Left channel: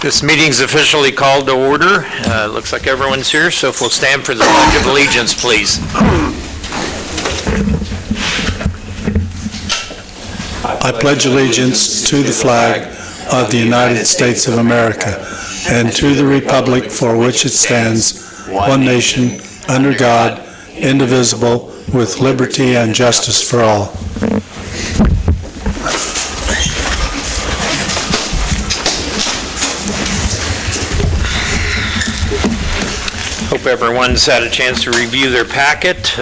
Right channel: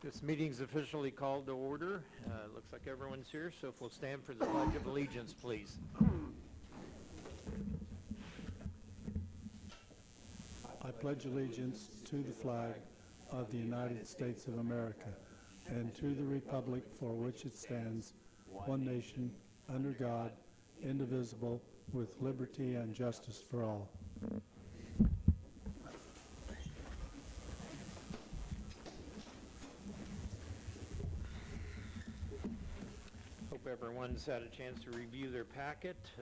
This meeting's officially called to order. Looks like everyone's here, so if we'll stand for the Pledge of Allegiance, please. I pledge allegiance to the flag of the United States of America and to the republic for which it stands, one nation, under God, indivisible, with liberty and justice for all. Hope everyone's had a chance to review their packet.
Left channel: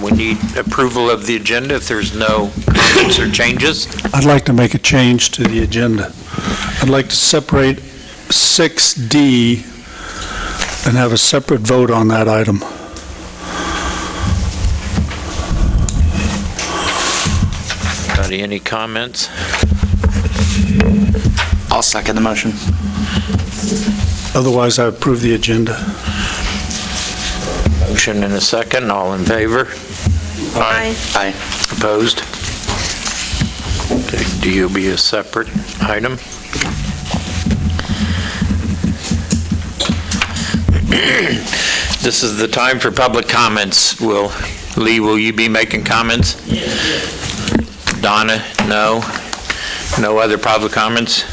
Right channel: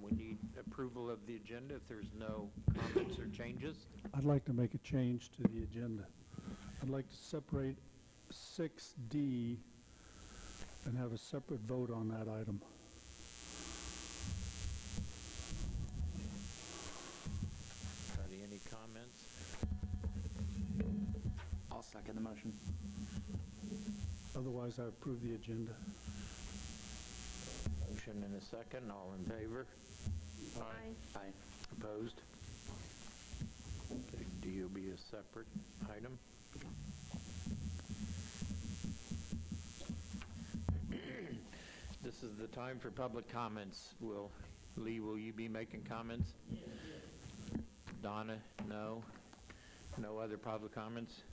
We need approval of the agenda if there's no comments or changes. I'd like to make a change to the agenda. I'd like to separate 6D and have a separate vote on that item. Anybody, any comments? I'll second the motion. Otherwise, I approve the agenda. Motion and a second. All in favor? Aye. Aye. Opposed? Okay, D will be a separate item. This is the time for public comments. Lee, will you be making comments? Yes. Donna, no? No other public comments?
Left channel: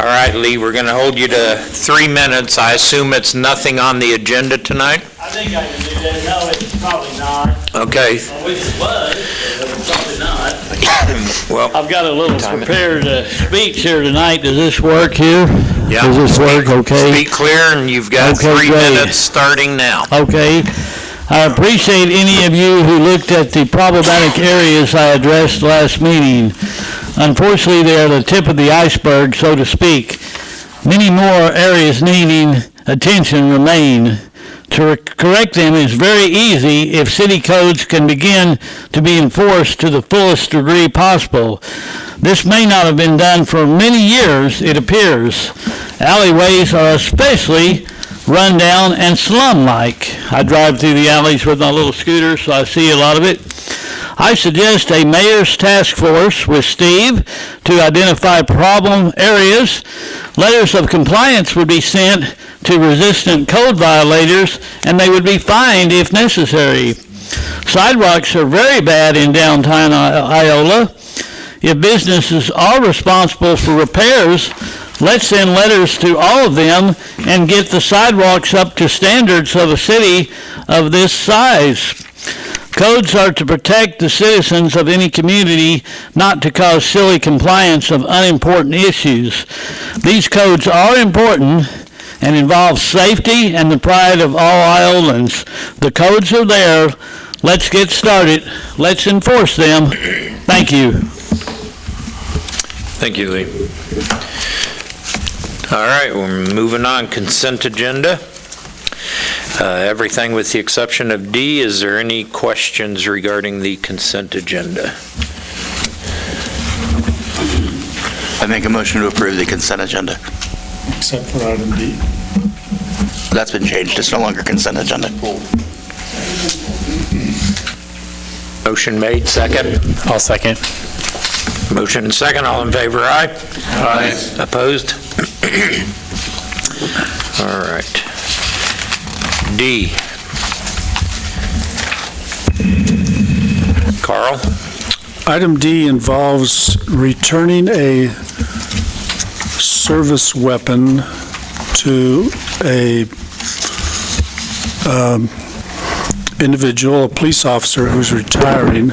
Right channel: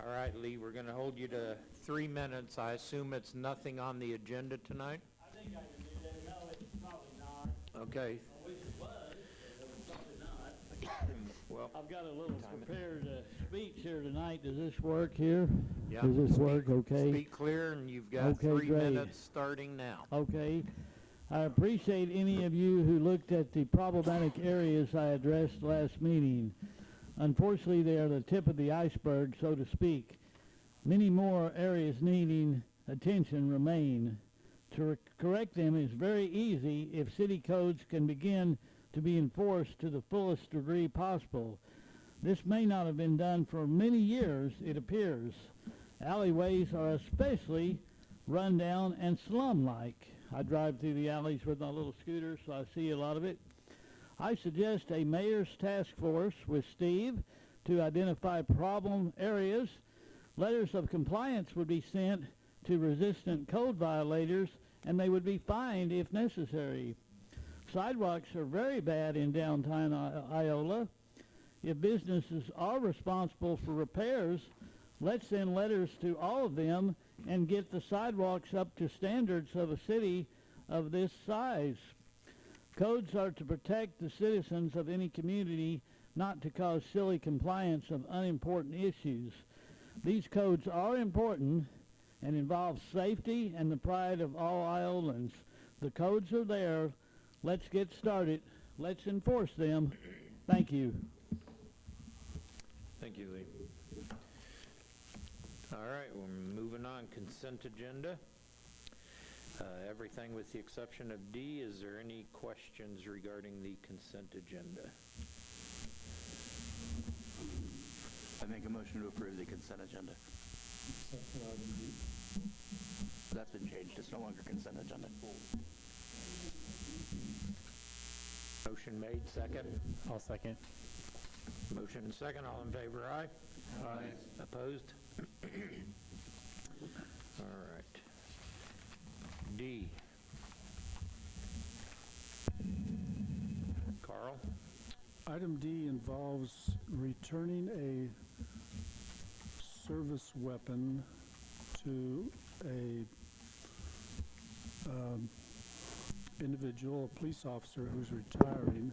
All right, Lee, we're going to hold you to 3 minutes. I assume it's nothing on the agenda tonight? I think I can do that. No, it's probably not. Okay. I wish it was, but it's probably not. Well, I've got a little prepared speech here tonight. Does this work here? yeah. Does this work okay? Speak clear, and you've got Okay, 3 great. minutes starting now. Okay. I appreciate any of you who looked at the problematic areas I addressed last meeting. Unfortunately, they are the tip of the iceberg, so to speak. Many more areas needing attention remain. To correct them is very easy if city codes can begin to be enforced to the fullest degree possible. This may not have been done for many years, it appears. Alleyways are especially run down and slum-like. I drive through the alleys with my little scooter, so I see a lot of it. I suggest a mayor's task force with Steve to identify problem areas. Letters of compliance would be sent to resistant code violators, and they would be fined if necessary. Sidewalks are very bad in downtown Iola. If businesses are responsible for repairs, let's send letters to all of them and get the sidewalks up to standards of a city of this size. Codes are to protect the citizens of any community, not to cause silly compliance of unimportant issues. These codes are important and involve safety and the pride of all Iolans. The codes are there. Let's get started. Let's enforce them. Thank you. Thank you, Lee. All right, we're moving on. Consent agenda. Everything with the exception of D. Is there any questions regarding the consent agenda? I make a motion to approve the consent agenda. Except for item D. That's been changed. It's no longer consent agenda. Motion made, second. I'll second. Motion and second. All in favor, aye? Aye. Opposed? All right. D. Carl? Item D involves returning a service weapon to a individual, a police officer who's retiring.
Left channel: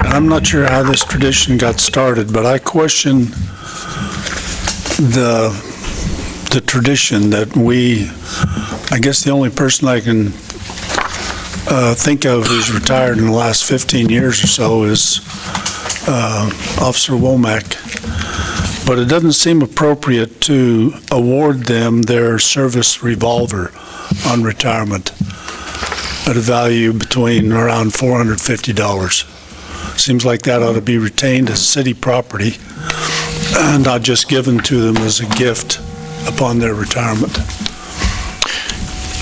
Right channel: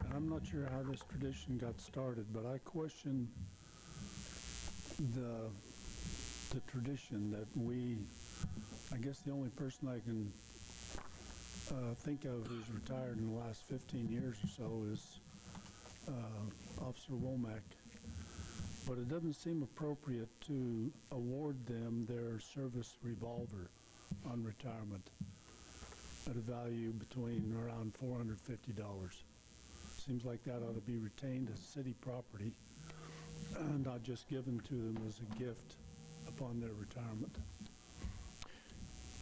I'm not sure how this tradition got started, but I question the tradition that I guess the only person I can think of who's retired in the last 15 years or so is Officer Womack. But it doesn't seem appropriate to award them their service revolver on retirement at a value between around $450. Seems like that ought to be retained as city property and not just given to them as a gift upon their retirement.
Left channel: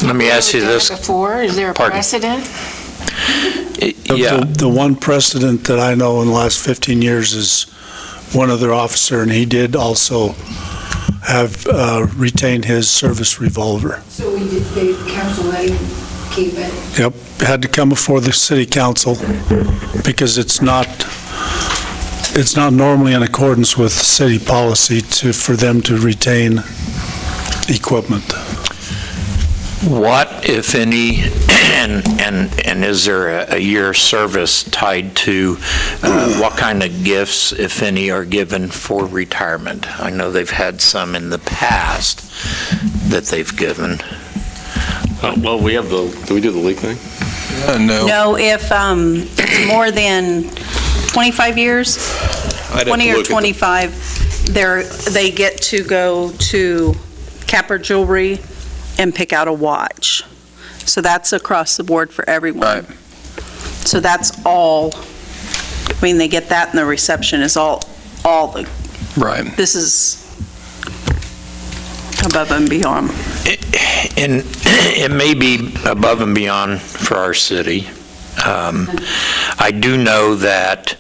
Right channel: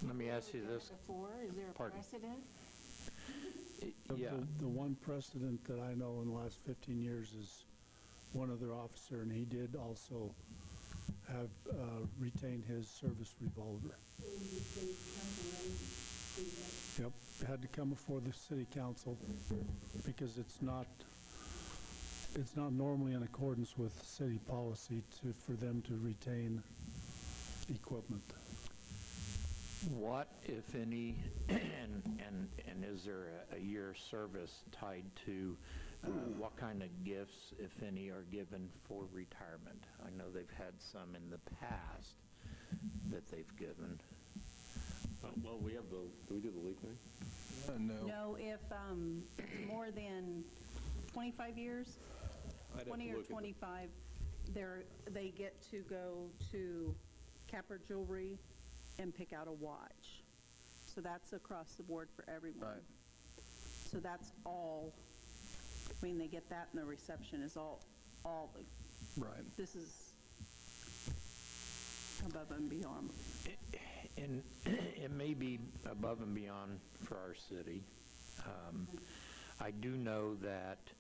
Let me ask you this. Before, is there a Pardon? precedent? Yeah. The one precedent that I know in the last 15 years is one other officer, and he did also have retained his service revolver. So the council let him keep it? Yep, had to come before the city council because it's not normally in accordance with city policy for them to retain equipment. What, if any, and is there a year service tied to what kind of gifts, if any, are given for retirement? I know they've had some in the past that they've given. Well, we have do we do the leak thing? No. No, if it's more than 25 years, I'd have 20 to or look at the- 25, they get to go to Capper Jewelry and pick out a watch. So that's across the board for everyone. Right. So that's all, I mean, they get that and the reception is all the, Right. this is above and beyond. And it may be above and beyond for our city. I do know that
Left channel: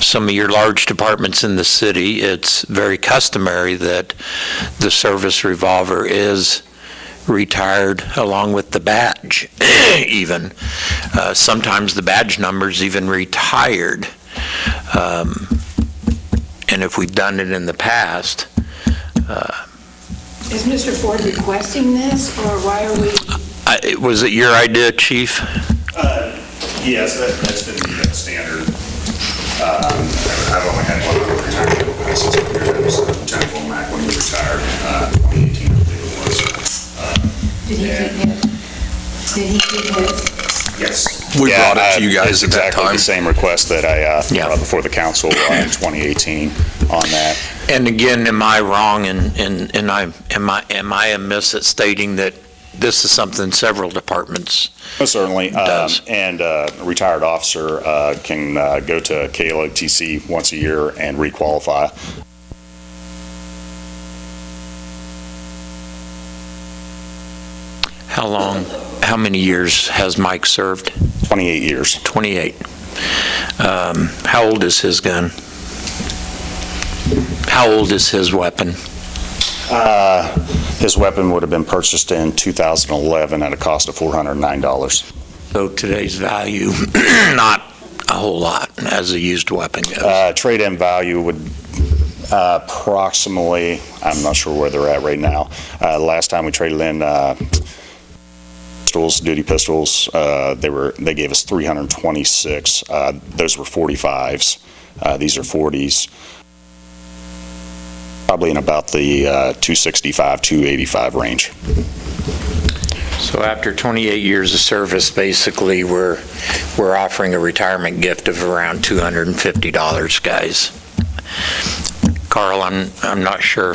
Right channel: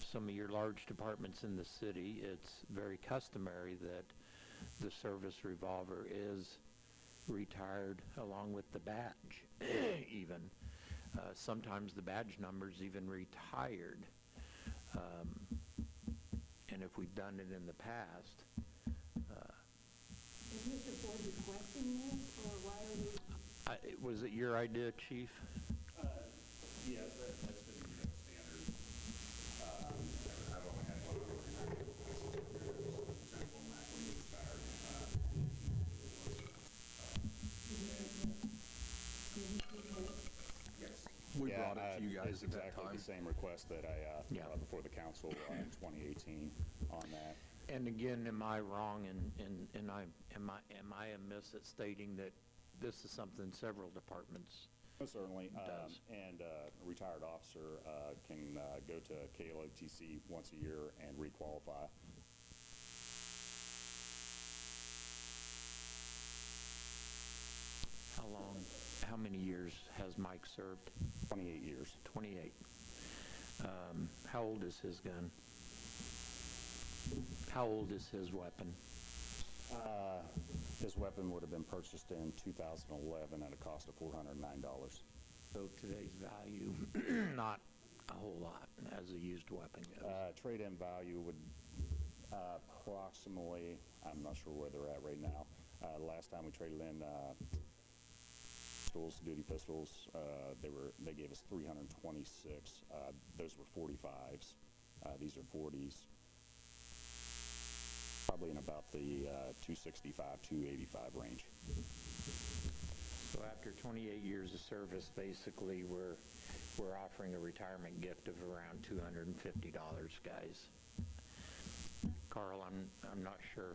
some of your large departments in the city, it's very customary that the service revolver is retired along with the badge, even. Sometimes the badge number's even retired. And if we've done it in the past, Is Mr. Ford requesting this, or why are we? was it your idea, Chief? Yes, that's been the standard. I've only had one other retirement in the past 6 years. It was Lieutenant Womack when he retired, 2018, I believe it was. Did he keep his? Did he keep his? Yes. We brought it to you guys It's at that exactly time. the same request that I Yeah. brought before the council in 2018 on that. And again, am I wrong, and am I amiss at stating that this is something several departments? Most certainly. Does. And a retired officer can go to KLOTC once a year and requalify. How many years has Mike served? 28 years. 28. How old is his gun? How old is his weapon? His weapon would have been purchased in 2011 at a cost of $409. So today's value, not a whole lot as a used weapon goes. Trade-in value would approximately, I'm not sure where they're at right now. Last time we traded in pistols, duty pistols, they gave us 326. Those were 45s. These are 40s. Probably in about the 265, 285 range. So after 28 years of service, basically, we're offering a retirement gift of around $250, guys. Carl, I'm not sure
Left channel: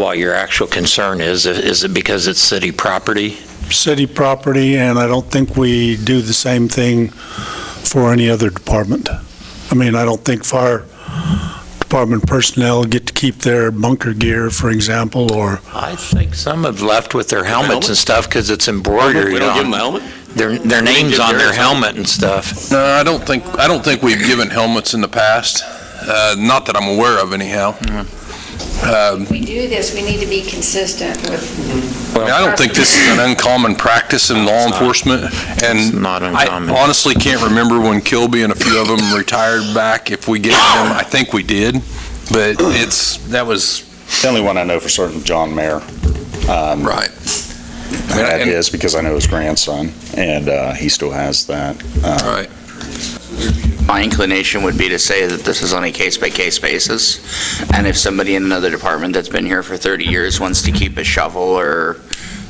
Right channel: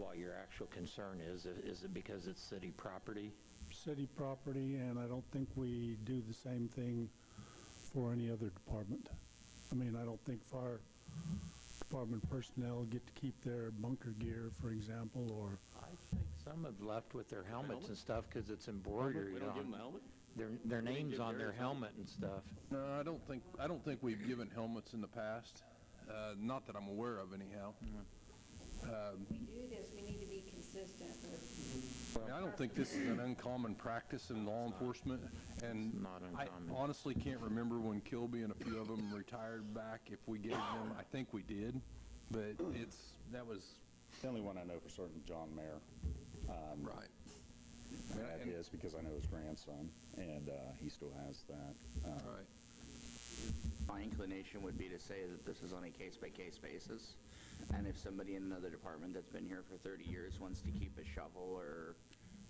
what your actual concern is. Is it because it's city property? City property, and I don't think we do the same thing for any other department. I mean, I don't think fire department personnel get to keep their bunker gear, for example, or I think some have left with their helmets and stuff because it's embroidered We don't give them a on helmet? their names give on their theirs. helmet and stuff. No, I don't think we've given helmets in the past. Not that I'm aware of, anyhow. If we do this, we need to be consistent with. I mean, I don't think this is an uncommon practice in law enforcement, and It's not uncommon. I honestly can't remember when Kilby and a few of them retired back. If we gave them, I think we did, but that was The only one I know for certain, John Mayer. right. I had his because I know his grandson, and he still has that. Right. My inclination would be to say that this is on a case-by-case basis, and if somebody in another department that's been here for 30 years wants to keep a shovel or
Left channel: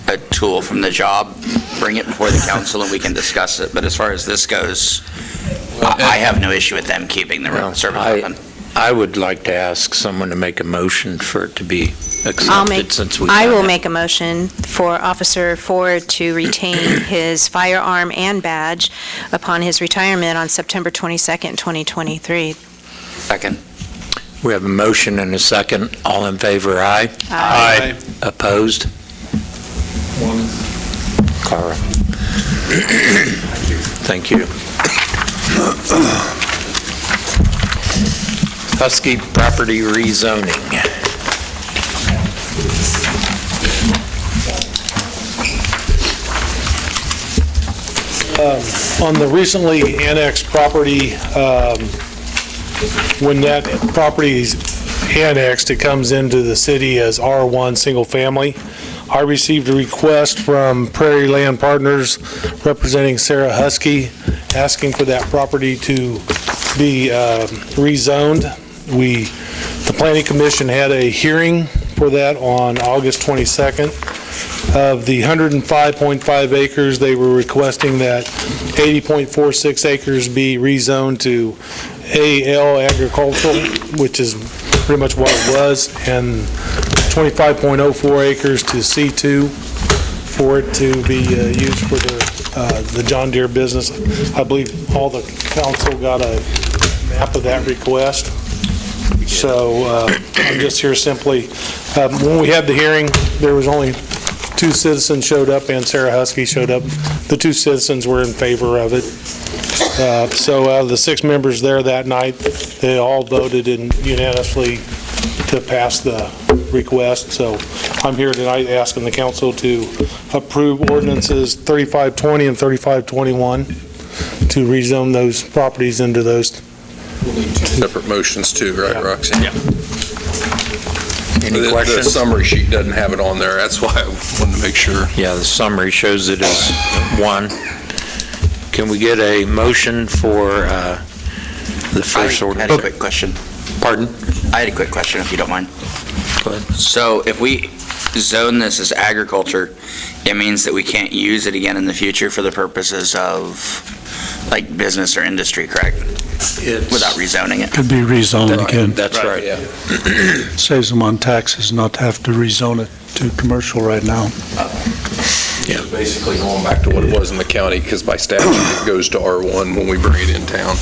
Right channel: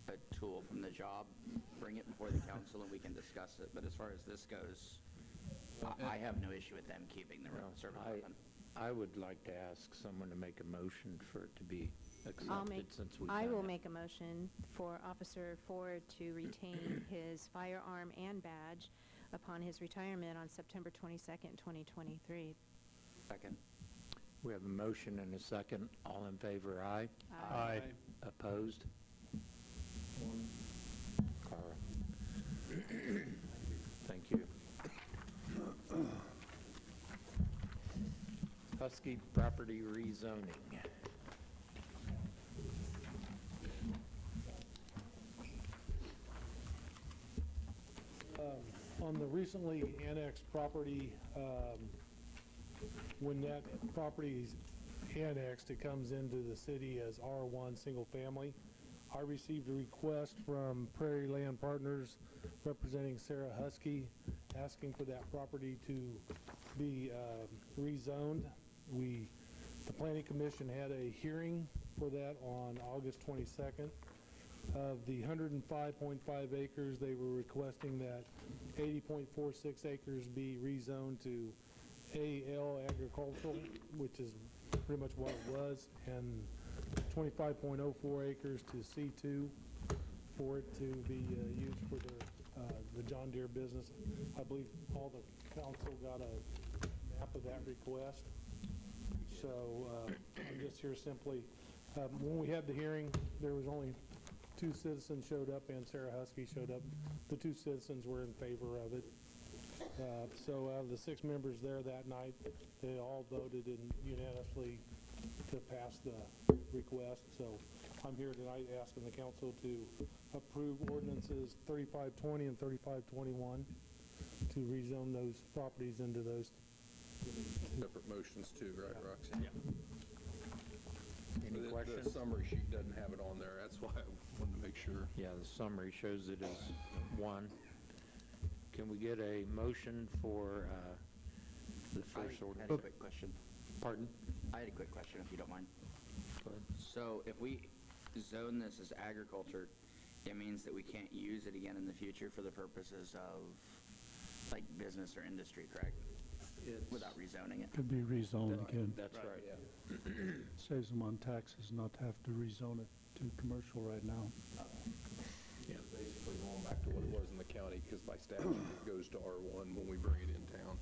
a tool from the job, bring it before the council and we can discuss it. But as far as this goes, I have no issue with them keeping the Well, service weapon. I would like to ask someone to make a motion for it to be accepted since we. I will make a motion for Officer Ford to retain his firearm and badge upon his retirement on September 22nd, 2023. Second. We have a motion and a second. All in favor, aye? Aye. Opposed? Carl. Thank you. Husky property rezoning. On the recently annexed property, when that property is annexed, it comes into the city as R1 Single Family. I received a request from Prairie Land Partners representing Sarah Husky, asking for that property to be rezoned. The Planning Commission had a hearing for that on August 22nd. Of the 105.5 acres, they were requesting that 80.46 acres be rezoned to AL agricultural, which is pretty much what it was, and 25.04 acres to C2 for it to be used for the John Deere business. I believe all the council got a map of that request. So I'm just here simply, when we had the hearing, there was only 2 citizens showed up and Sarah Husky showed up. The 2 citizens were in favor of it. So out of the 6 members there that night, they all voted unanimously to pass the request. So I'm here tonight asking the council to approve ordinances 3520 and 3521 to rezone those properties into those. We'll need 2 separate motions too, right, Roxy? Yeah. Any The questions? summary sheet doesn't have it on there. That's why I wanted to make sure. Yeah, the summary shows it as one. Can we get a motion for the first I ordinance? had a quick question. Pardon? I had a quick question, if you don't mind. Go ahead. So if we zone this as agriculture, it means that we can't use it again in the future for the purposes of, like, business or industry, correct? Without rezoning it? Could be rezoned again. That's right. Yeah. Saves them on taxes not to have to rezone it to commercial right now. Yeah. Basically going back to what it was in the county, because by statute it goes to R1 when we bring it in town.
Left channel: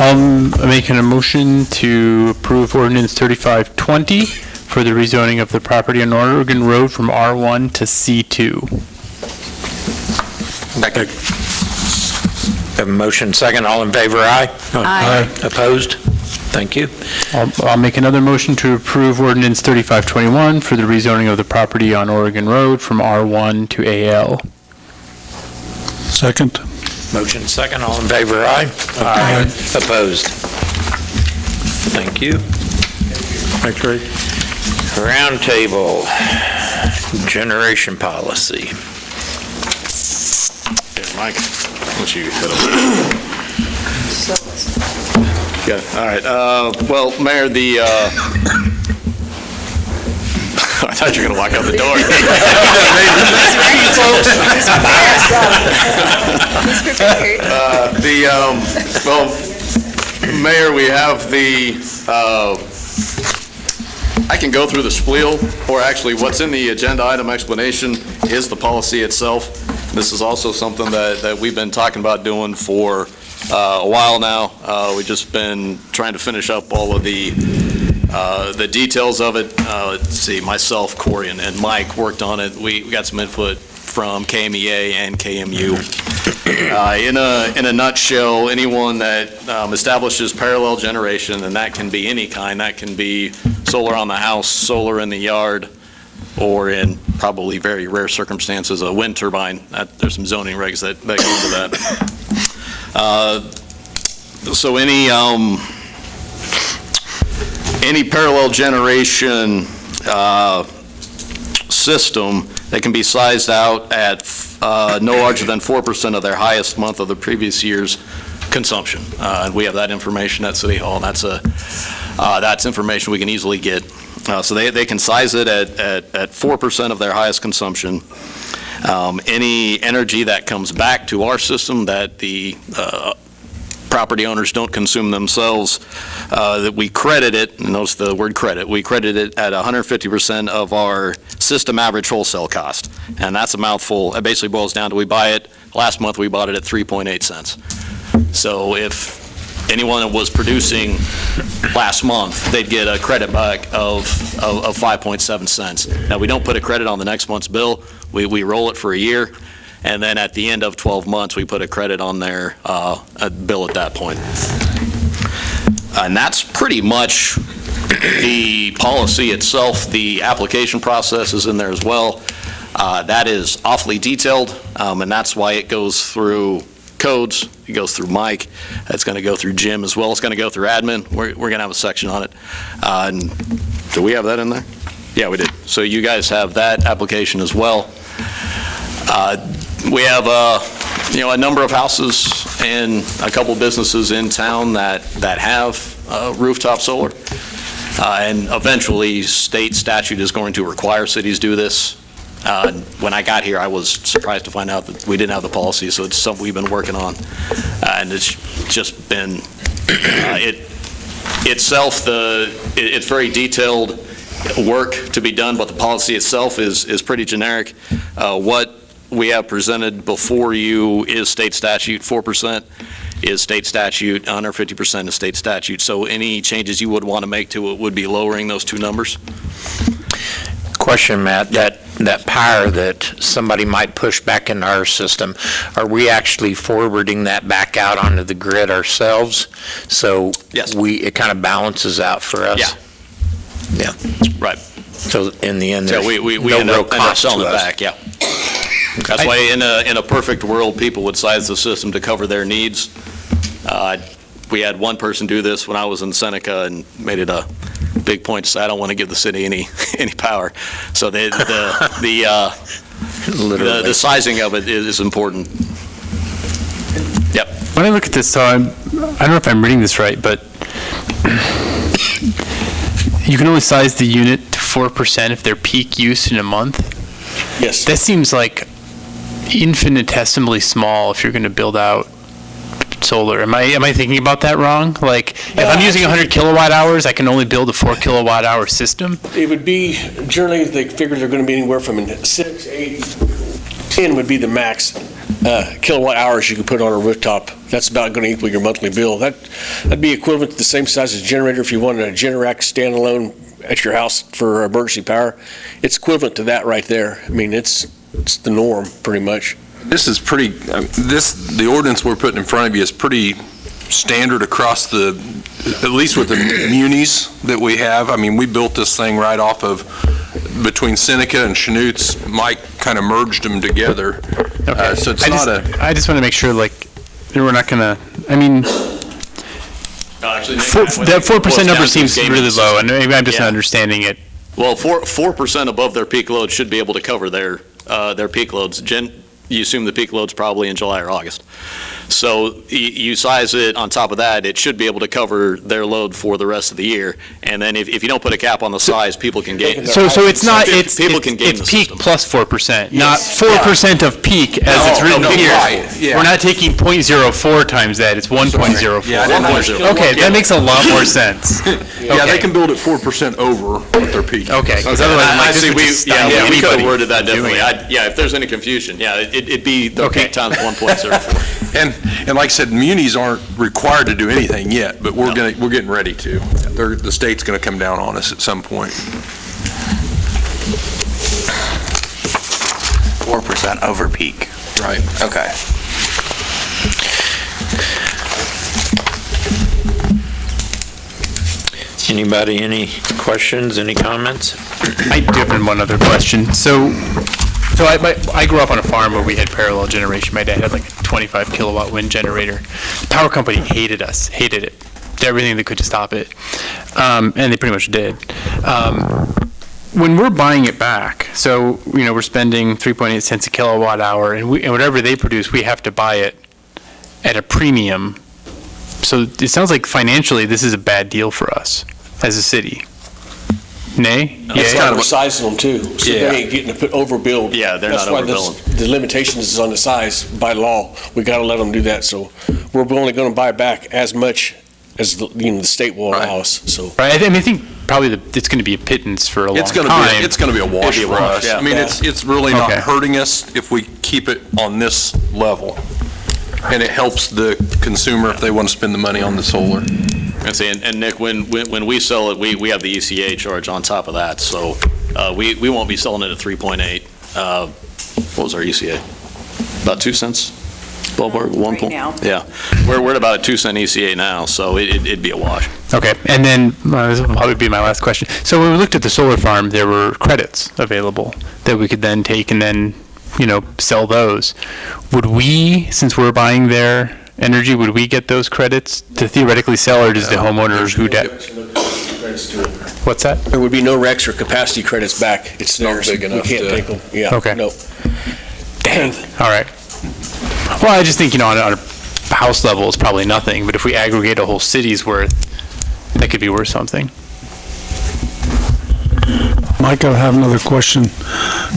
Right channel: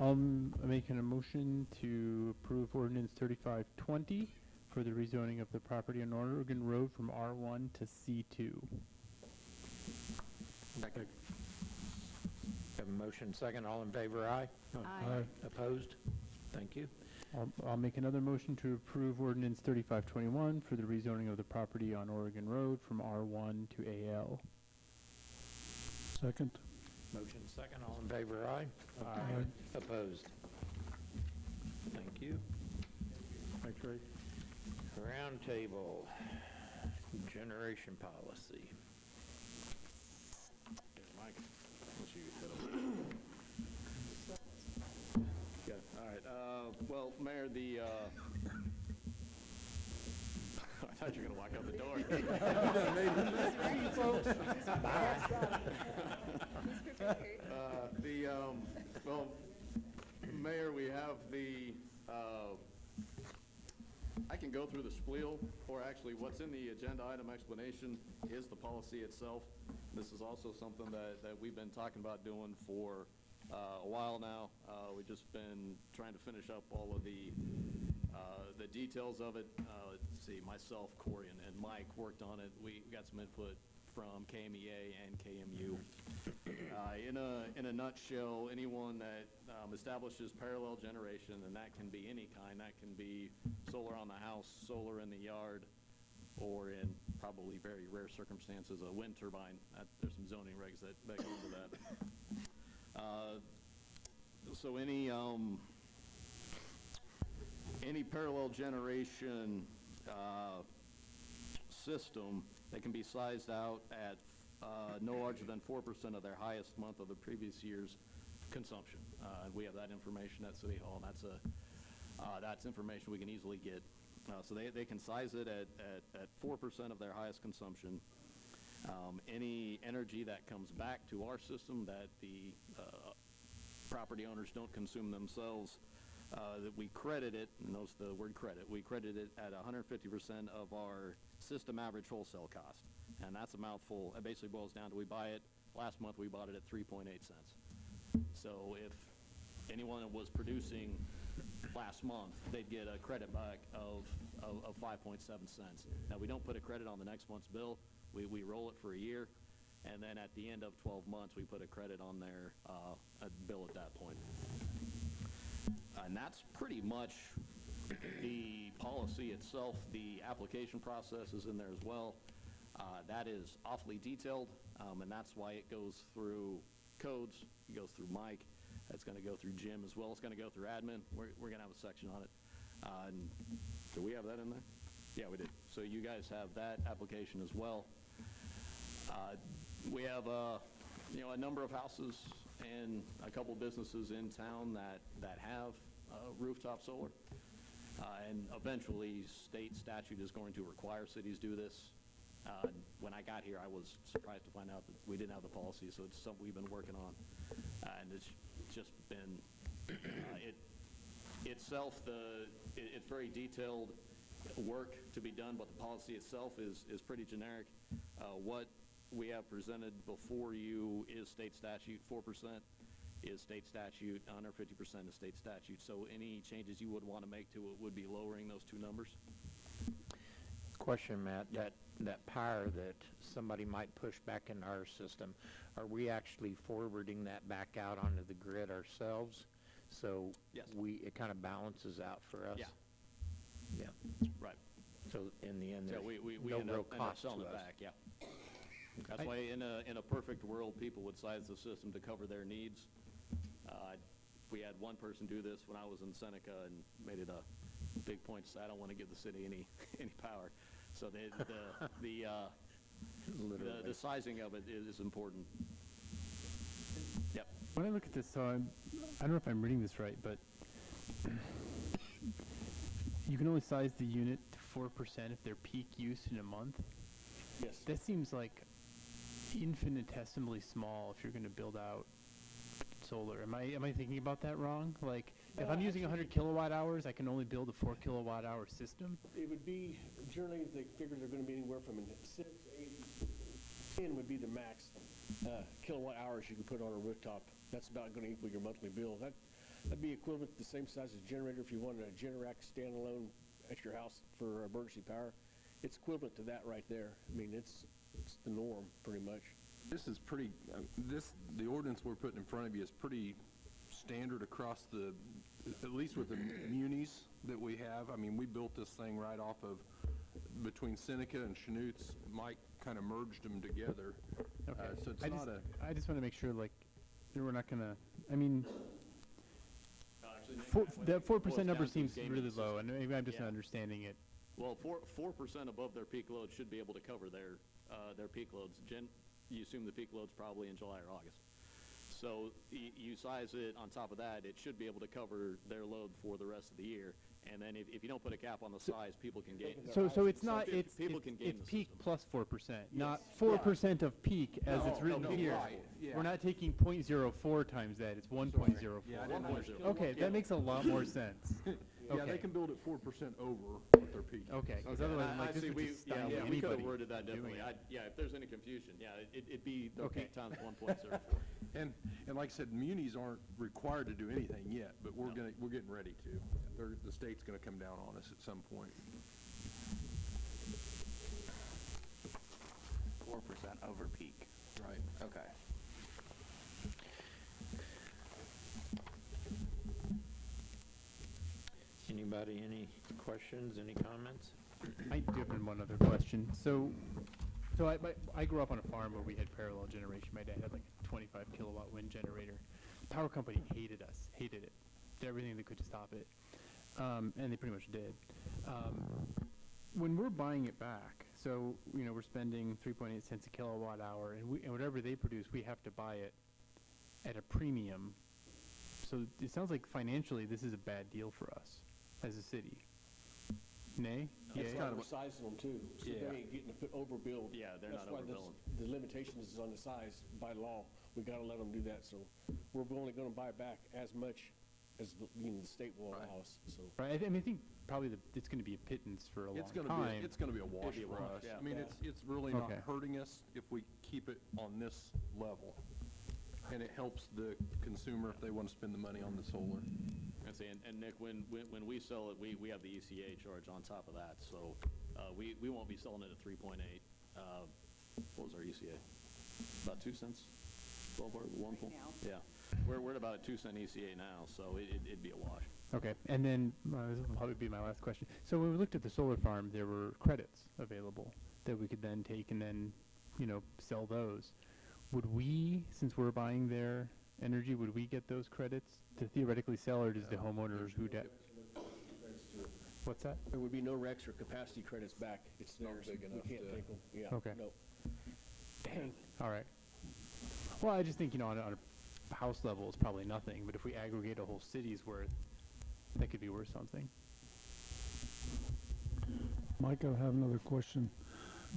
I'm making a motion to approve ordinance 3520 for the rezoning of the property on Oregon Road from R1 to C2. Second. Have a motion second. All in favor, aye? Aye. Opposed? Thank you. I'll make another motion to approve ordinance 3521 for the rezoning of the property on Oregon Road from R1 to AL. Second. Motion second. All in favor, aye? Aye. Opposed? Thank you. Thanks, Ray. Roundtable, generation policy. Yeah, Mike, why don't you hit him? Yeah, all right. Well, Mayor, I thought you were going to walk out the door. Well, Mayor, we have I can go through the spiel, or actually what's in the agenda item explanation is the policy itself. This is also something that we've been talking about doing for a while now. We've just been trying to finish up all of the details of it. Let's see, myself, Corey, and Mike worked on it. We got some input from KMEA and KMU. In a nutshell, anyone that establishes parallel generation, and that can be any kind, that can be solar on the house, solar in the yard, or in probably very rare circumstances, a wind turbine. There's some zoning regs that go into that. So any parallel generation system that can be sized out at no larger than 4% of their highest month of the previous year's consumption. And we have that information at City Hall, and that's information we can easily get. So they can size it at 4% of their highest consumption. Any energy that comes back to our system that the property owners don't consume themselves, that we credit it, and notice the word credit, we credit it at 150% of our system average wholesale cost. And that's a mouthful. It basically boils down to last month we bought it at 3.8 cents. So if anyone was producing last month, they'd get a credit back of 5.7 cents. Now, we don't put a credit on the next month's bill. We roll it for a year, and then at the end of 12 months, we put a credit on their bill at that point. And that's pretty much the policy itself. The application process is in there as well. That is awfully detailed, and that's why it goes through codes, it goes through Mike, it's going to go through Jim as well, it's going to go through admin. We're going to have a section on it. And do we have that in there? Yeah, we did. So you guys have that application as well. We have a number of houses and a couple businesses in town that have rooftop solar. And eventually, state statute is going to require cities do this. When I got here, I was surprised to find out that we didn't have the policy, so it's something we've been working on. And it's just been, it's very detailed work to be done, but the policy itself is pretty generic. What we have presented before you is state statute. 4% is state statute, under 50% is state statute. So any changes you would want to make to it would be lowering those two numbers. Question, Matt, that power that somebody might push back into our system, are we actually forwarding that back out onto the grid ourselves? So yes, it kind of balances out for us? Yeah. Right. So in the end, there's we no end real up cost selling to it us. back, yeah. That's why in a perfect world, people would size the system to cover their needs. We had one person do this when I was in Seneca and made it a big point to say, I don't want to give the city any power. So the sizing of it is important. Yep. When I look at this, so I don't know if I'm reading this right, but you can only size the unit to 4% if they're peak use in a month? Yes. That seems like infinitesimally small if you're going to build out solar. Am I thinking about that wrong? Like, if I'm using 100 kilowatt hours, I can only build a 4 kilowatt hour system? It would be, generally, they figure they're going to be anywhere from 6, 8, 10 would be the max kilowatt hours you can put on a rooftop. That's about going to equal your monthly bill. That'd be equivalent to the same size as a generator if you wanted a Generac standalone at your house for emergency power. It's equivalent to that right there. I mean, it's the norm, pretty much. This is pretty, the ordinance we're putting in front of you is pretty standard across at least with the munis that we have. I mean, we built this thing right off of, between Seneca and Chanutes. Mike kind of merged them together. Okay. So it's I just want to make sure, like, we're not going to, I mean, that 4% number seems really low, and maybe I'm just not understanding it. Well, 4% above their peak load should be able to cover their peak loads. You assume the peak load's probably in July or August. So you size it on top of that, it should be able to cover their load for the rest of the year. And then if you don't put a cap on the size, people can gain. So it's not, it's peak peak plus 4%, not 4% of peak as it's written here. Right, yeah. We're not taking 0.04 times that, it's 1.04. Yeah, I didn't know. Okay, that makes a lot more sense. Yeah, they can build it 4% over what their peak. Okay, because otherwise, I see, we could have worded that doing differently. If there's any confusion, it'd be the peak times 1.04. And like I said, munis aren't required to do anything yet, but we're getting ready to. The state's going to come down on us at some point. 4% over peak. Right. Okay. Anybody, any questions, any comments? I do have one other question. So I grew up on a farm where we had parallel generation. My dad had like a 25 kilowatt wind generator. The power company hated us, hated it. Did everything they could to stop it. And they pretty much did. When we're buying it back, so, we're spending 3.8 cents a kilowatt hour, and whatever they produce, we have to buy it at a premium. So it sounds like financially this is a bad deal for us as a city. Nay? It's kind of sizing them too, so they ain't getting to put overbuild. Yeah, they're not overbuilding. That's why the limitations is on the size by law. We got to let them do that. So we're only going to buy back as much as the state will allow us. So right, I think probably it's going to be a pittance for a long time. It's going to be a wash for us. Yeah. I mean, it's really not hurting us if we keep it on this level, and it helps the consumer if they want to spend the money on the solar. And Nick, when we sell it, we have the ECA charge on top of that, so we won't be selling it at 3.8. What was our ECA? About 2 cents ballpark, one Right point? now. Yeah. We're at about a 2 cent ECA now, so it'd be a wash. Okay, and then this will probably be my last question. So when we looked at the solar farm, there were credits available that we could then take and then, sell those. Would we, since we're buying their energy, would we get those credits to theoretically sell, or does the homeowner who What's that? There would be no RECs or capacity credits back. It's not theirs. big enough We can't to- take them. Yeah. Okay. No. Dang. All right. Well, I just think, on a house level, it's probably nothing, but if we aggregate a whole city's worth, that could be worth something. Mike, I have another question.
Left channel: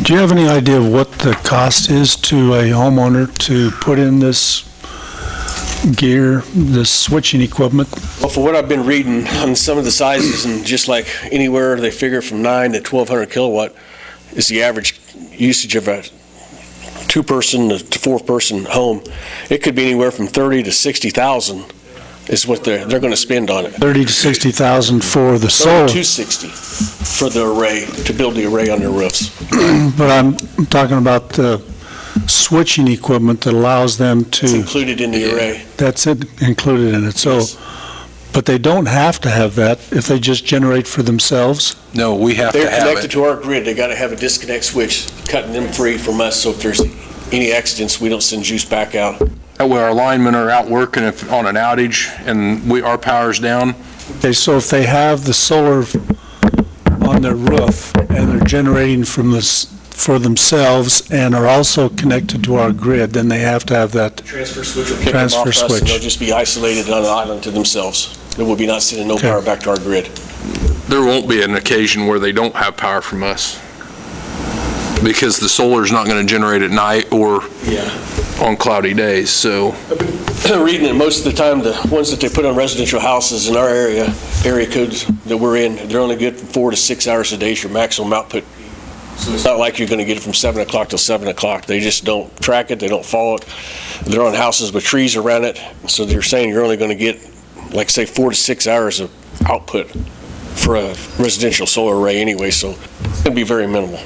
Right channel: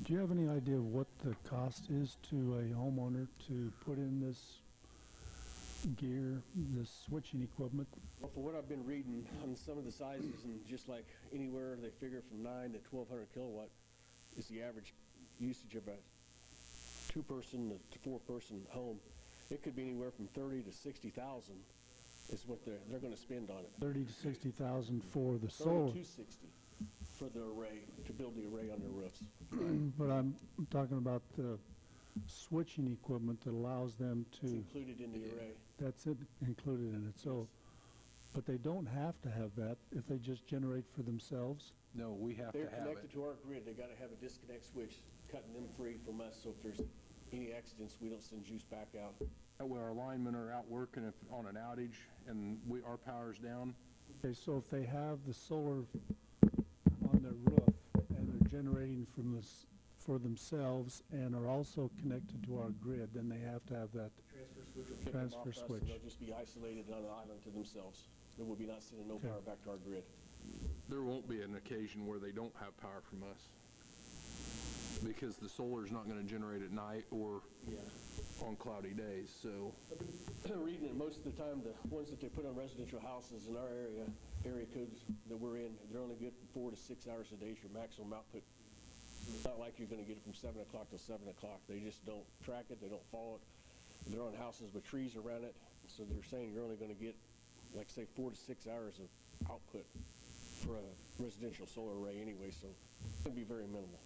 Do you have any idea of what the cost is to a homeowner to put in this gear, this switching equipment? Well, for what I've been reading on some of the sizes, and just like anywhere they figure from 9 to 1,200 kilowatt is the average usage of a 2-person to 4-person home. It could be anywhere from 30 to 60,000 is what they're going to spend on it. 30 to 60,000 for the solar. 260 for the array, to build the array on their roofs. But I'm talking about the switching equipment that allows them It's to, included in the array. that's it, included in it. So, Yes. but they don't have to have that if they just generate for themselves? No, we have to They're have connected it. to our grid. They got to have a disconnect switch, cutting them free from us, so if there's any accidents, we don't send juice back out. That way our linemen are out working if on an outage and our power's down. Okay, so if they have the solar on their roof and they're generating from this, for themselves and are also connected to our grid, then they have to have that. Transfer switch will kick them off Transfer us, and switch. they'll just be isolated on an island to themselves. They will be not sending no Okay. power back to our grid. There won't be an occasion where they don't have power from us, because the solar's not going to generate at night or on cloudy days, so. Reading it, most of the time, the ones that they put on residential houses in our area codes that we're in, they're only good for 4 to 6 hours a day is your maximum output. So it's not like you're going to get it from 7 o'clock till 7 o'clock. They just don't track it, they don't follow it. They're on houses with trees around it, so they're saying you're only going to get, like, say, 4 to 6 hours of output for a residential solar array anyway, so it's going to be very minimal.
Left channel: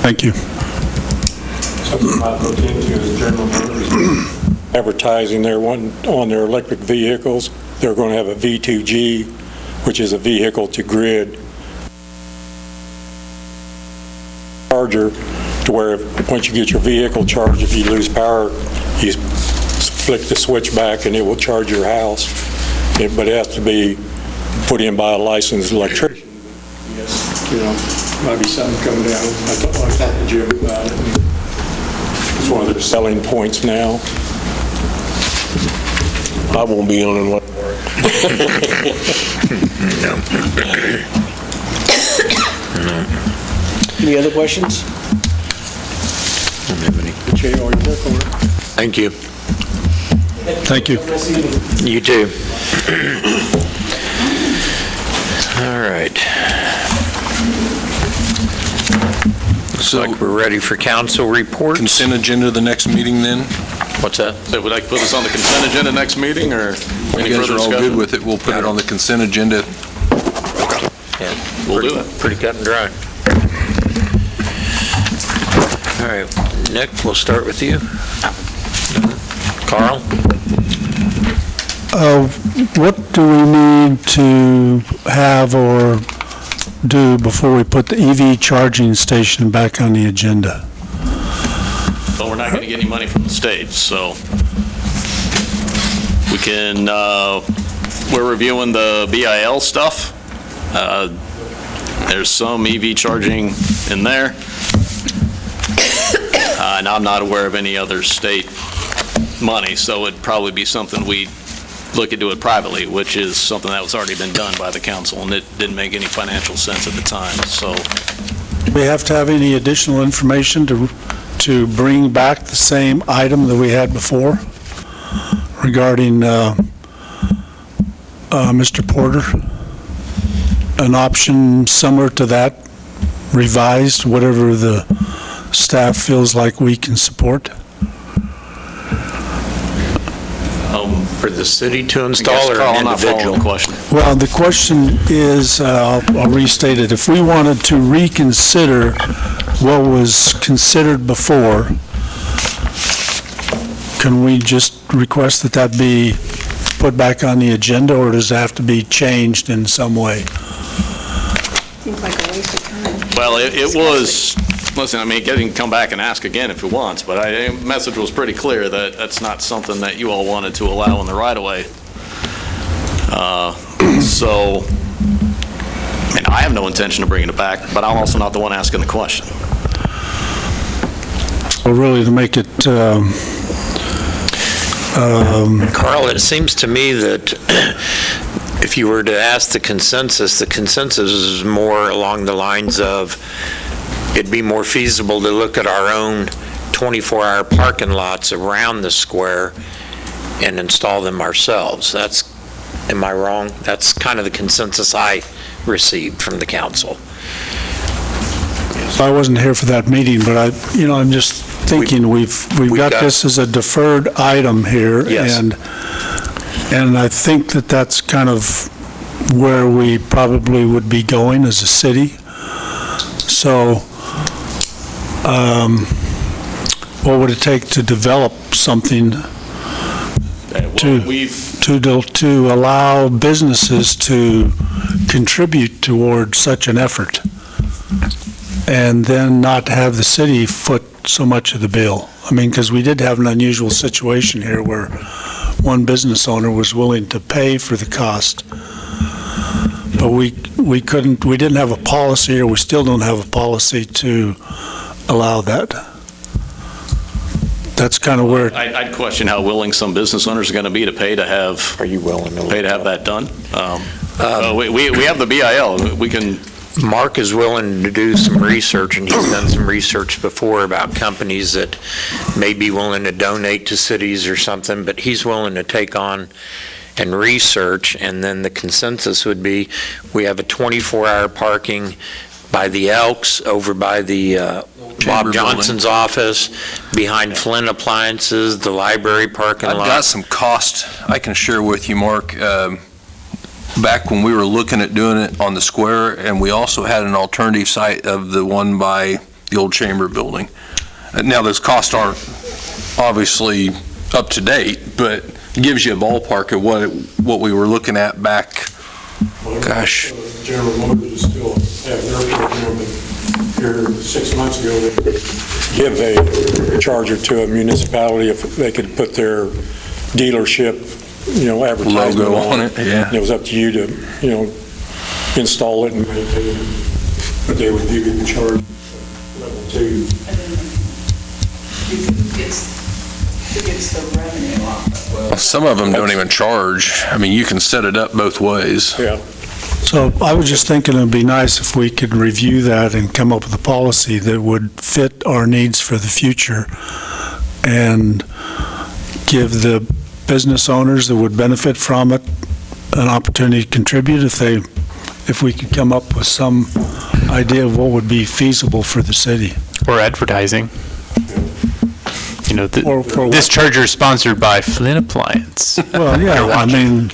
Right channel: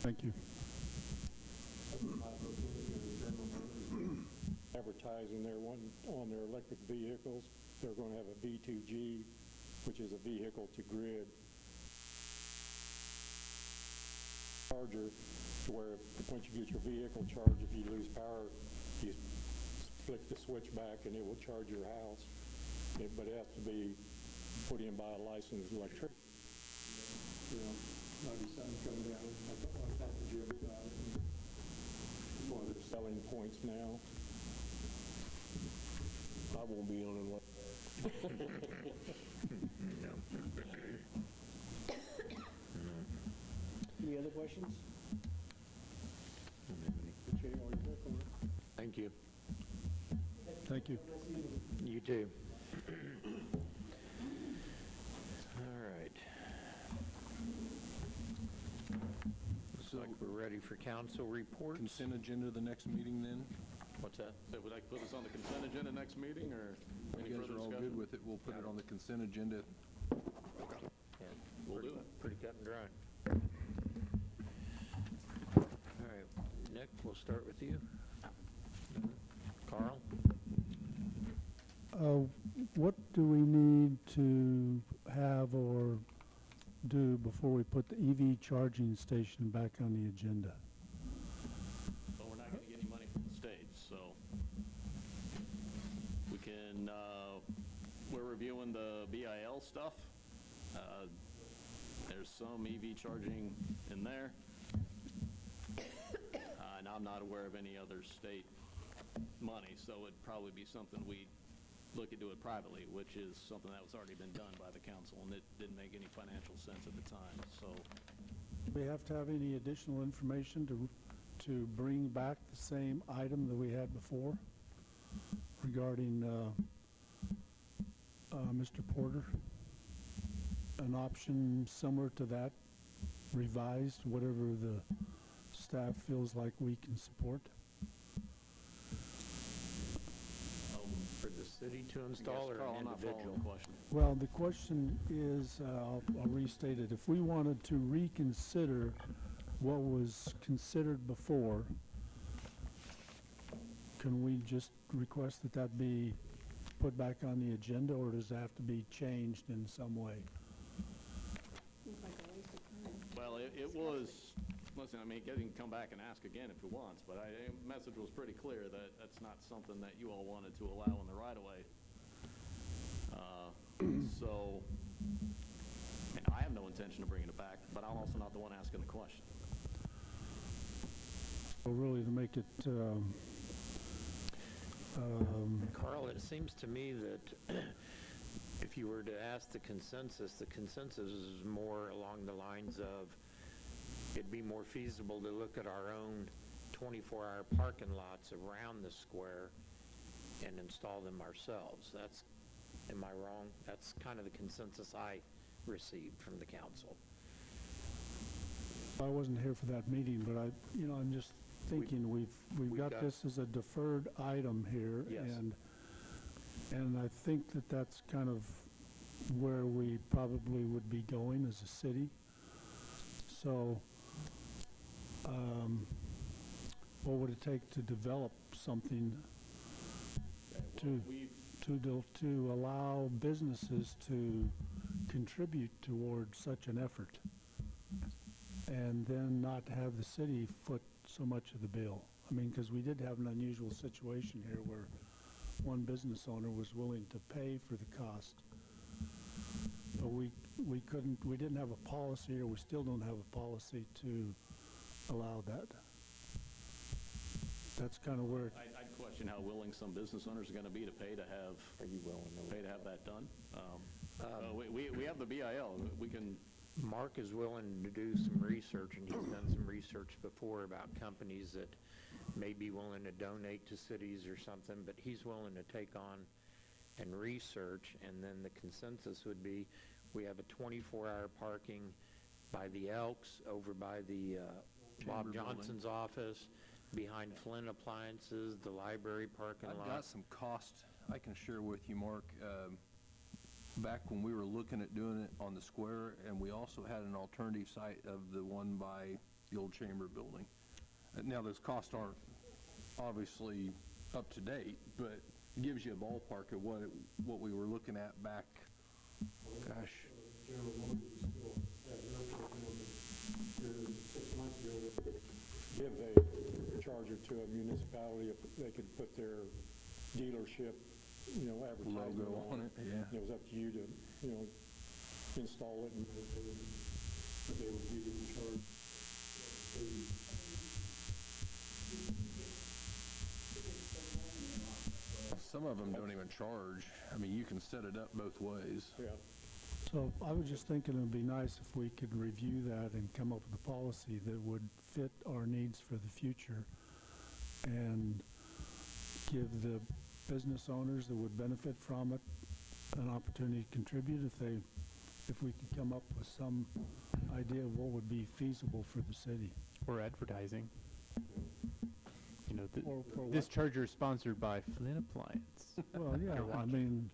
Thank you. Something I looked into is General Motors advertising on their electric vehicles, they're going to have a V2G, which is a vehicle to grid charger, to where once you get your vehicle charged, if you lose power, you flick the switch back and it will charge your house. But it has to be put in by a licensed electrician. Might be something coming down. I talked to Jim about it. It's one of their selling points now. I won't be on one. Any other questions? Thank you. Thank you. You too. All right. Looks like we're ready for council reports. Consent agenda the next meeting then? What's that? So would I put this on the consent agenda next meeting, or any You guys further are all discussion? good with it, we'll put it on the consent agenda. Yeah, We'll do it. Pretty cut and dry. All right, Nick, we'll start with you. Carl? What do we need to have or do before we put the EV charging station back on the agenda? But we're not going to get any money from the state, so we can, we're reviewing the BIL stuff. There's some EV charging in there. And I'm not aware of any other state money, so it'd probably be something we look into it privately, which is something that was already been done by the council, and it didn't make any financial sense at the time, so. Do we have to have any additional information to bring back the same item that we had before regarding Mr. Porter? An option similar to that, revised, whatever the staff feels like we can support? For the city to I install guess or Carl, an I'm not following individual? the question. Well, the question is, I'll restate it. If we wanted to reconsider what was considered before, can we just request that that be put back on the agenda, or does it have to be changed in some way? Seems like a waste of time. Well, it was, listen, I mean, he can come back and ask again if he wants, but the message was pretty clear that that's not something that you all wanted to allow in the right-of-way. So, and I have no intention of bringing it back, but I'm also not the one asking the question. So really, to make it, Carl, it seems to me that if you were to ask the consensus is more along the lines of it'd be more feasible to look at our own 24-hour parking lots around the square and install them ourselves. Am I wrong? That's kind of the consensus I received from the council. I wasn't here for that meeting, but I'm just thinking we've got this as a deferred item here. Yes. And I think that that's kind of where we probably would be going as a city. So what would it take to develop something to allow businesses to contribute toward such an effort, and then not have the city foot so much of the bill? I mean, because we did have an unusual situation here where one business owner was willing to pay for the cost, but we didn't have a policy, or we still don't have a policy to allow that. That's kind of where I'd question how willing some business owners are going to be to pay to have. Are you willing to pay to have that done? We have the BIL. We can. Mark is willing to do some research, and he's done some research before about companies that may be willing to donate to cities or something, but he's willing to take on and research, and then the consensus would be we have a 24-hour parking by the Elks, over by the Bob Johnson's office, behind Flynn Appliances, the library parking lot. I've got some cost I can share with you, Mark. Back when we were looking at doing it on the square, and we also had an alternative site of the one by the old chamber building. Now, those costs aren't obviously up to date, but it gives you a ballpark of what we were looking at back, gosh. General Motors still have their program, but here 6 months ago, they give a charger to a municipality if they could put their dealership, advertisement logo on it. Yeah. And it was up to you to, install it and maintain it. But they would give you the charge level 2. And then who gets the revenue off of it? Some of them don't even charge. I mean, you can set it up both ways. Yeah. So I was just thinking it'd be nice if we could review that and come up with a policy that would fit our needs for the future, and give the business owners that would benefit from it an opportunity to contribute if we could come up with some idea of what would be feasible for the city. Or advertising. This charger is sponsored by Flynn Appliance. Well, yeah, I mean,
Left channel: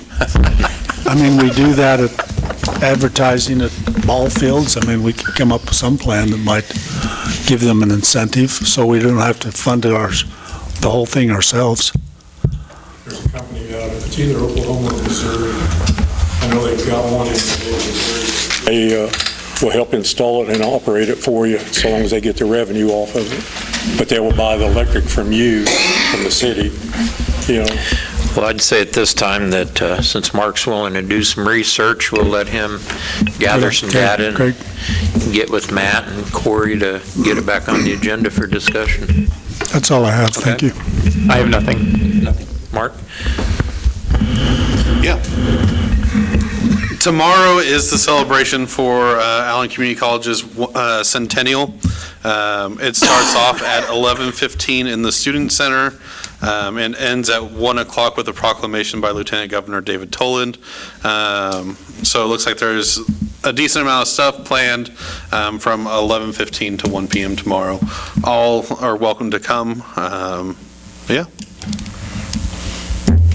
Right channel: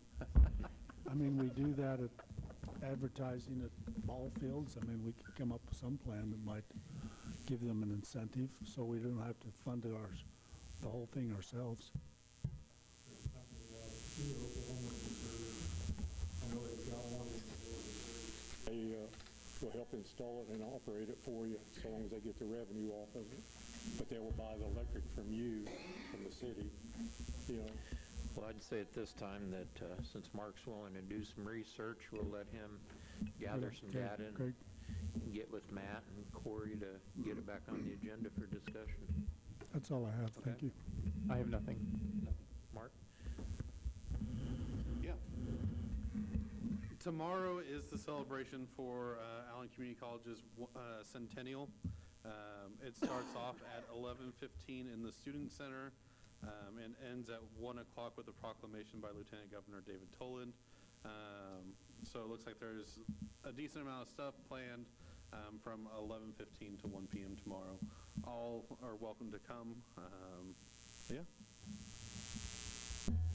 we do that at advertising at ball fields. I mean, we could come up with some plan that might give them an incentive, so we don't have to fund the whole thing ourselves. There's a company out of, it's either Oklahoma or Missouri. I know they've got one in Missouri. They will help install it and operate it for you, so long as they get the revenue off of it. But they will buy the electric from you, from the city, Well, I'd say at this time that since Mark's willing to do some research, we'll let him gather some data and get with Matt and Corey to get it back on the agenda for discussion. That's all I have. Thank you. I have nothing. Mark? Yeah. Tomorrow is the celebration for Allen Community College's centennial. It starts off at 11:15 in the Student Center and ends at 1 o'clock with a proclamation by Lieutenant Governor David Toland. So it looks like there's a decent amount of stuff planned from 11:15 to 1 p.m. tomorrow. All are welcome to come. Yeah.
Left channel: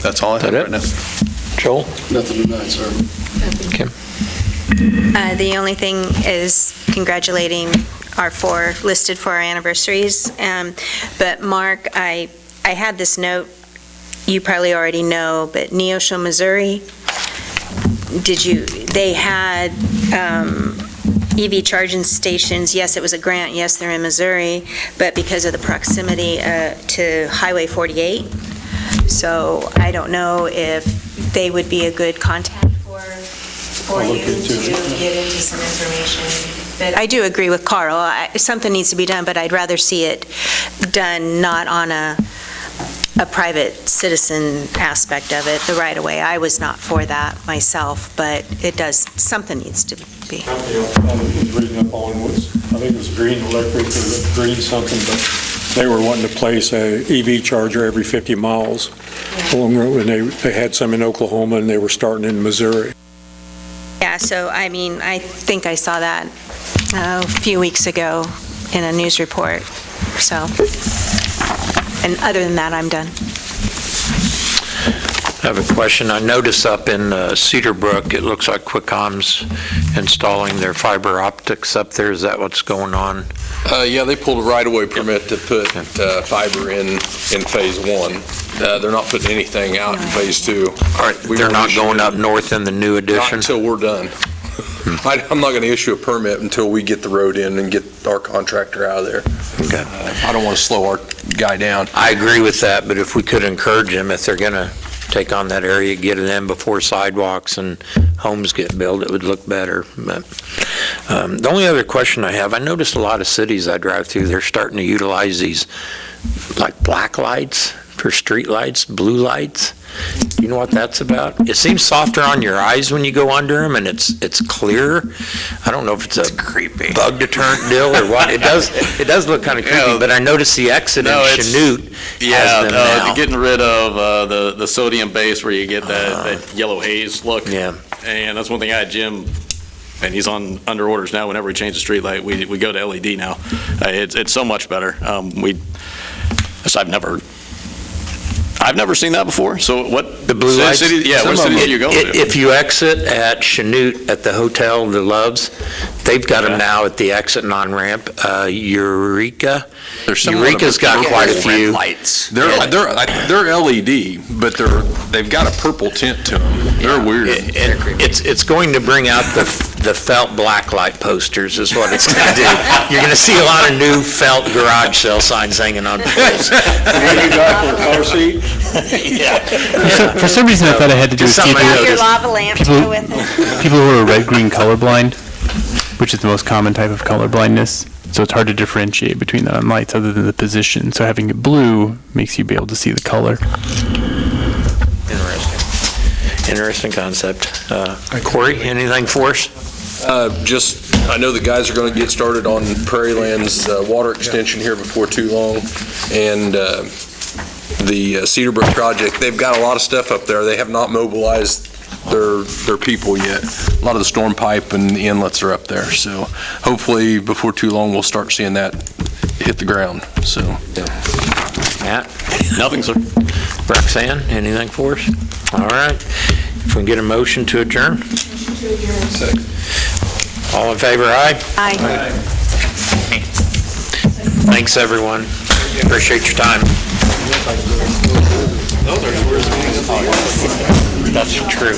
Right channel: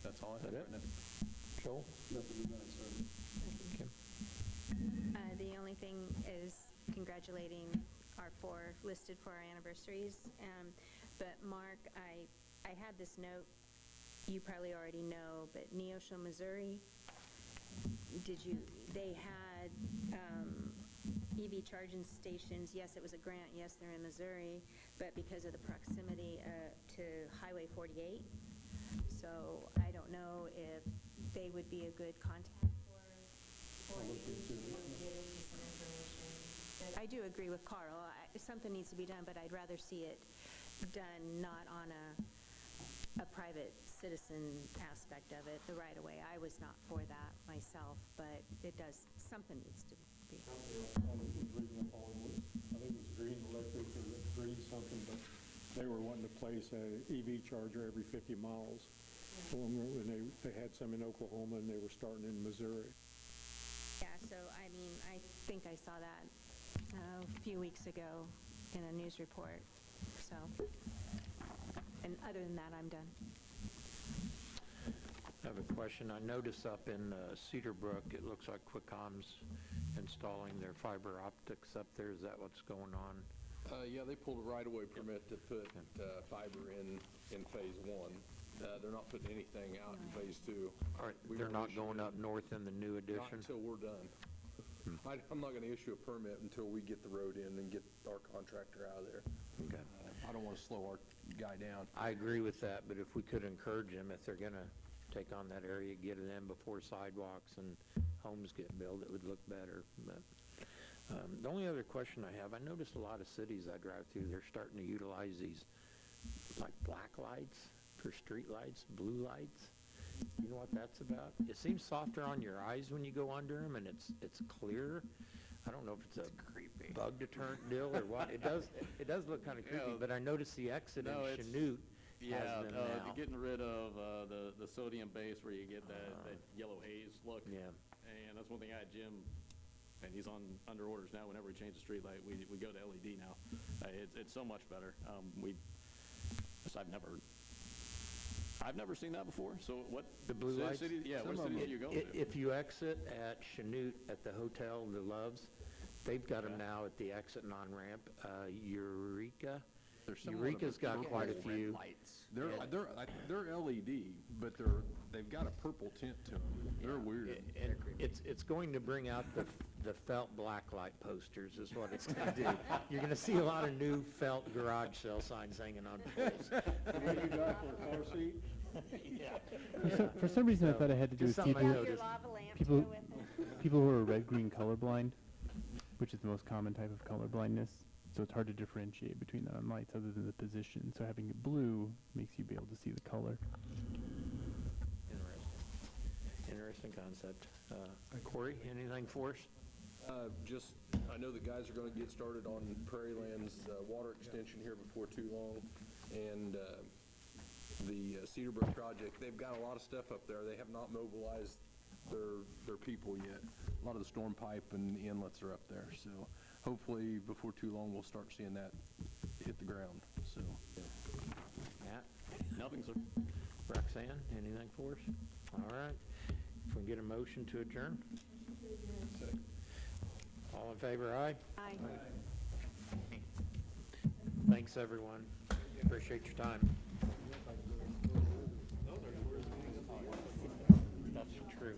That's all I have right now. Joel? Nothing tonight, sir. Kim? The only thing is congratulating our 4 listed for our anniversaries. But Mark, I I had this note, you probably already know, but Neosho, Missouri, they had EV charging stations. Yes, it was a grant. Yes, they're in Missouri, but because of the proximity to Highway 48. So I don't know if they would be a good contact for you to get into some information. But I do agree with Carl. Something needs to be done, but I'd rather see it done not on a private citizen aspect of it, the right-of-way. I was not for that myself, but something needs to be. Company I was reading up on was, I think it was Green Electric or Green something, but they were wanting to place a EV charger every 50 miles along the road, and they had some in Oklahoma, and they were starting in Missouri. Yeah, so I mean, I think I saw that a few weeks ago in a news report, so. And other than that, I'm done. I have a question. I noticed up in Cedar Brook, it looks like Quickcom's installing their fiber optics up there. Is that what's going on? Yeah, they pulled a right-of-way permit to put fiber in Phase 1. They're not putting anything out in Phase 2. All right, they're not going up north in the new addition? Not until we're done. I'm not going to issue a permit until we get the road in and get our contractor out of there. Okay. I don't want to slow our guy down. I agree with that, but if we could encourage them, if they're going to take on that area, get it in before sidewalks and homes get built, it would look better. But the only other question I have, I noticed a lot of cities I drive through, they're starting to utilize these like black lights for street lights, blue lights. You know what that's about? It seems softer on your eyes when you go under them, and it's clearer. I don't know if it's a creepy bug deterrent deal or what. It does look kind of creepy, but I noticed the exit in Chanute has them now. Getting rid of the sodium base where you get that yellow haze look. Yeah. And that's one thing I had Jim, and he's under orders now. Whenever we change the street light, we go to LED now. It's so much better. I've never seen that before. So what? The blue lights? What cities do you go to? If you exit at Chanute at the hotel, the Loves, they've got them now at the exit and on-ramp. Eureka's got quite a few. Lights. They're LED, but they've got a purple tint to them. They're weird. It's going to bring out the felt black light posters is what it's going to do. You're going to see a lot of new felt garage sale signs hanging on poles. Maybe back for a car seat? Yeah. For some reason, I thought it had to do with people, Your lava lamp to go with it. people who are red-green colorblind, which is the most common type of color blindness. So it's hard to differentiate between the lights other than the position. So having it blue makes you be able to see the color. Interesting concept. Corey, anything for us? I know the guys are going to get started on Prairie Land's water extension here before too long, and the Cedar Brook project, they've got a lot of stuff up there. They have not mobilized their people yet. A lot of the storm pipe and the inlets are up there, so hopefully before too long we'll start seeing that hit the ground. So, Matt? Nothing, sir. Roxanne, anything for us? All right. If we can get a motion to adjourn? All in favor, aye? Aye. Thanks, everyone. Appreciate your time. That's true.